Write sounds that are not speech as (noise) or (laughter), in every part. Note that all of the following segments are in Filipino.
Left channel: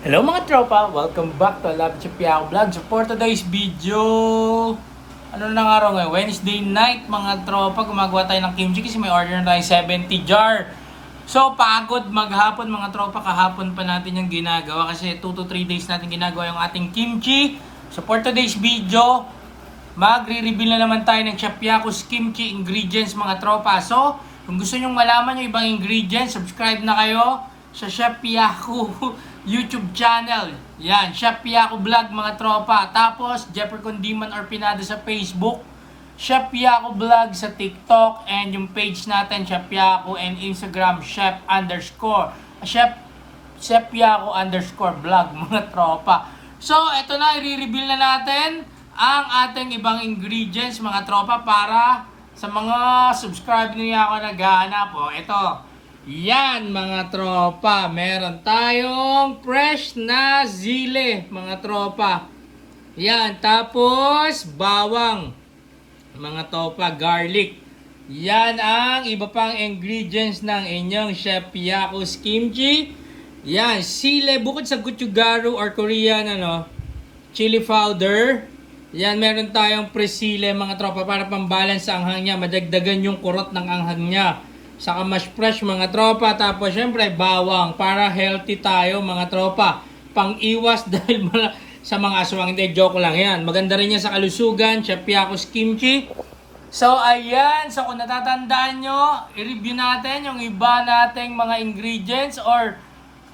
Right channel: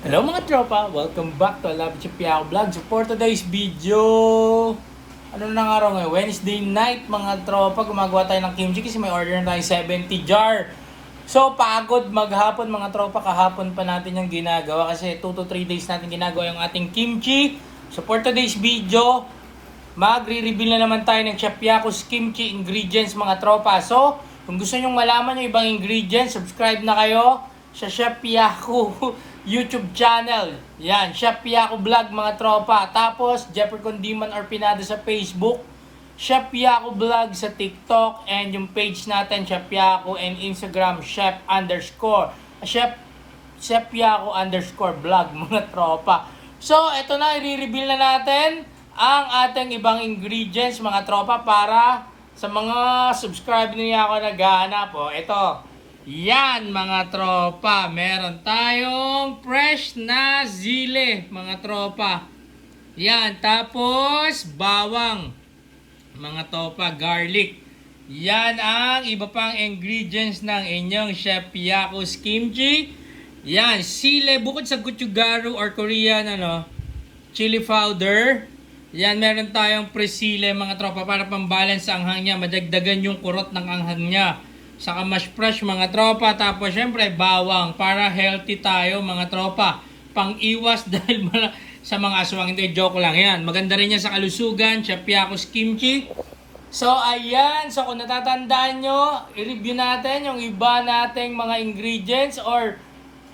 Hello mga tropa! Welcome back to Love Chapiao Vlog. For today's video, ano na nga araw ngayon? Wednesday night mga tropa. Gumagawa tayo ng kimchi kasi may order na tayo 70 jar. So pagod maghapon mga tropa. Kahapon pa natin yung ginagawa kasi 2 to 3 days natin ginagawa yung ating kimchi. So for today's video, magre-reveal na naman tayo ng Chapiaco's Kimchi ingredients mga tropa. So, kung gusto nyong malaman yung ibang ingredients, subscribe na kayo sa Chef Yaku (laughs) YouTube channel. Yan, Chef Yaku Vlog mga tropa. Tapos, Jeffrey Condiman or Pinado sa Facebook. Chef Yaku Vlog sa TikTok. And yung page natin, Chef Yaku. And Instagram, Chef underscore. Chef, Chef Yaku underscore vlog (laughs) mga tropa. So, ito na, i-reveal na natin ang ating ibang ingredients mga tropa para sa mga subscribe niya ako naghahanap. O, ito. Yan mga tropa. Meron tayong fresh na zile mga tropa. Yan. Tapos, bawang. Mga tropa, garlic. Yan ang iba pang ingredients ng inyong Chef Yaku's Kimchi. Yan, sile, bukod sa gochugaru or Korean ano, chili powder. Yan, meron tayong presile mga tropa para pambalance sa anghang. Madagdagan yung kurot ng anghang niya. Saka mash fresh mga tropa. Tapos syempre bawang para healthy tayo mga tropa. Pang-iwas (laughs) dahil mala- sa mga aswang. Hindi, joke lang yan. Maganda rin yan sa kalusugan. Chapiakos Kimchi. So, ayan. So, kung natatandaan nyo, i-review natin yung iba nating mga ingredients or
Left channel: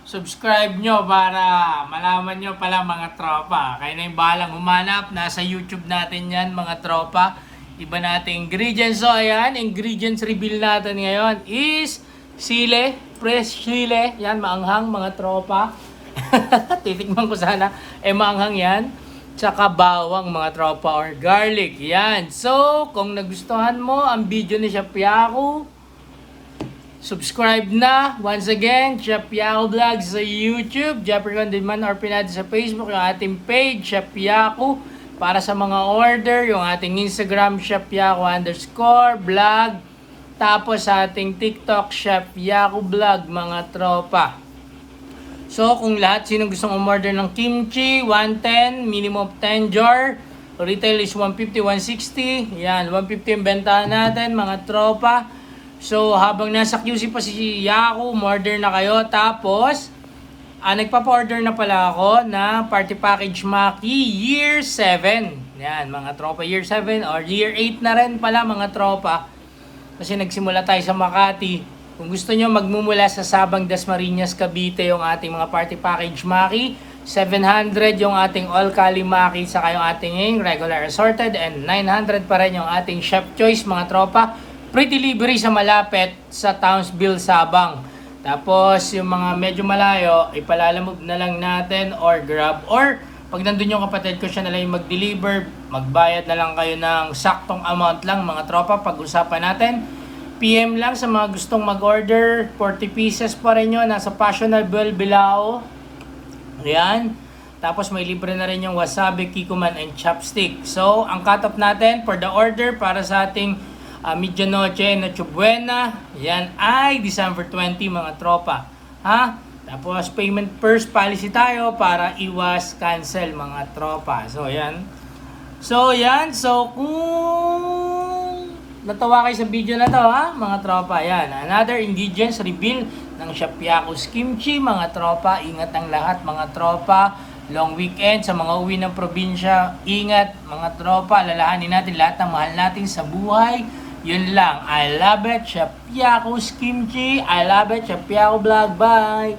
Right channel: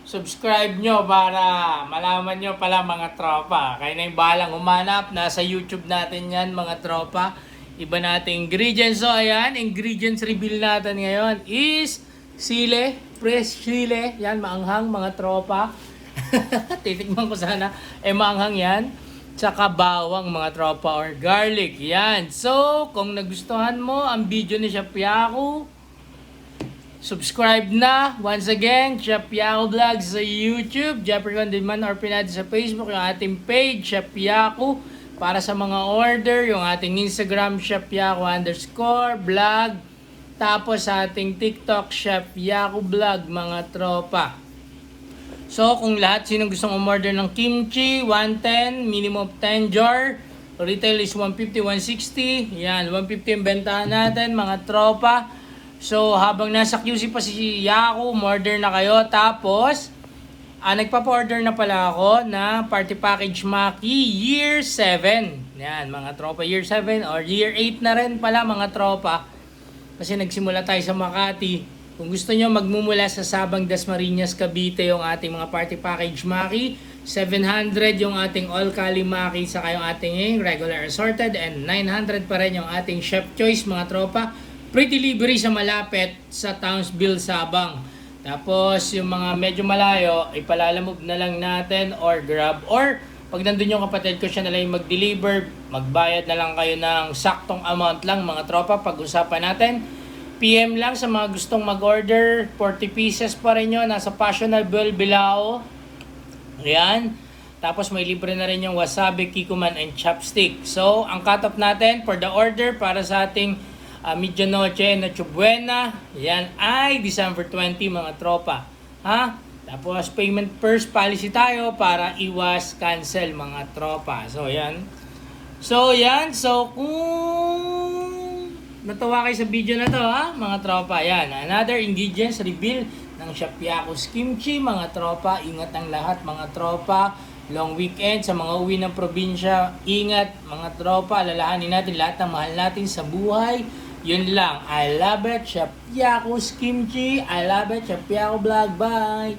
subscribe nyo para malaman nyo pala mga tropa. Kaya na yung bahalang humanap. Nasa YouTube natin yan mga tropa. Iba nating ingredients. So, ayan. Ingredients reveal natin ngayon is sile, fresh sile. Yan, maanghang mga tropa. (laughs) Titikman ko sana. Eh, maanghang yan. Tsaka bawang mga tropa or garlic. Yan. So, kung nagustuhan mo ang video ni Chef Yaku, subscribe na. Once again, Chef Yaku Vlog sa YouTube, Jeffrey Condiman or Pinado sa Facebook, yung ating page, Chef Yaku. Para sa mga order, yung ating Instagram, Chef Yaku underscore vlog. Tapos ating TikTok, Chef Yaku Vlog, mga tropa. So, kung lahat sino gustong umorder ng kimchi, 110, minimum of 10 jar. Retail is 150, 160. Yan, 150 ang bentahan natin, mga tropa. So, habang nasa QC pa si Yaku, umorder na kayo. Tapos, ah, nagpapa-order na pala ako na party package Maki Year 7. Yan, mga tropa, Year 7 or Year 8 na rin pala, mga tropa. Kasi nagsimula tayo sa Makati. Kung gusto nyo magmumula sa Sabang Dasmariñas, Cavite yung ating mga party package Maki. 700 yung ating all Kali Maki saka yung ating regular assorted and 900 pa rin yung ating chef choice mga tropa. Free delivery sa malapit sa Townsville, Sabang. Tapos yung mga medyo malayo, ipalalamog na lang natin or grab or pag nandun yung kapatid ko siya na lang yung mag-deliver, magbayad na lang kayo ng saktong amount lang mga tropa pag-usapan natin. PM lang sa mga gustong mag-order. 40 pieces pa rin yun. Nasa Fashionable Bilao. Ayan. Tapos may libre na rin yung wasabi, kikuman, and chopstick. So, ang cut-off natin for the order para sa ating uh, Medianoche na Chubuena, yan ay December 20 mga tropa. Ha? Tapos payment first policy tayo para iwas cancel mga tropa. So, ayan. So, yan. So, kung natawa kayo sa video na to, ha, mga tropa, yan. Another ingredients reveal ng Shapiako's Kimchi, mga tropa. Ingat ang lahat, mga tropa. Long weekend sa mga uwi ng probinsya. Ingat, mga tropa. Lalahanin natin lahat ng mahal natin sa buhay. Yun lang. I love it. Shapiako's Kimchi. I love it. Shapiako Vlog. Bye!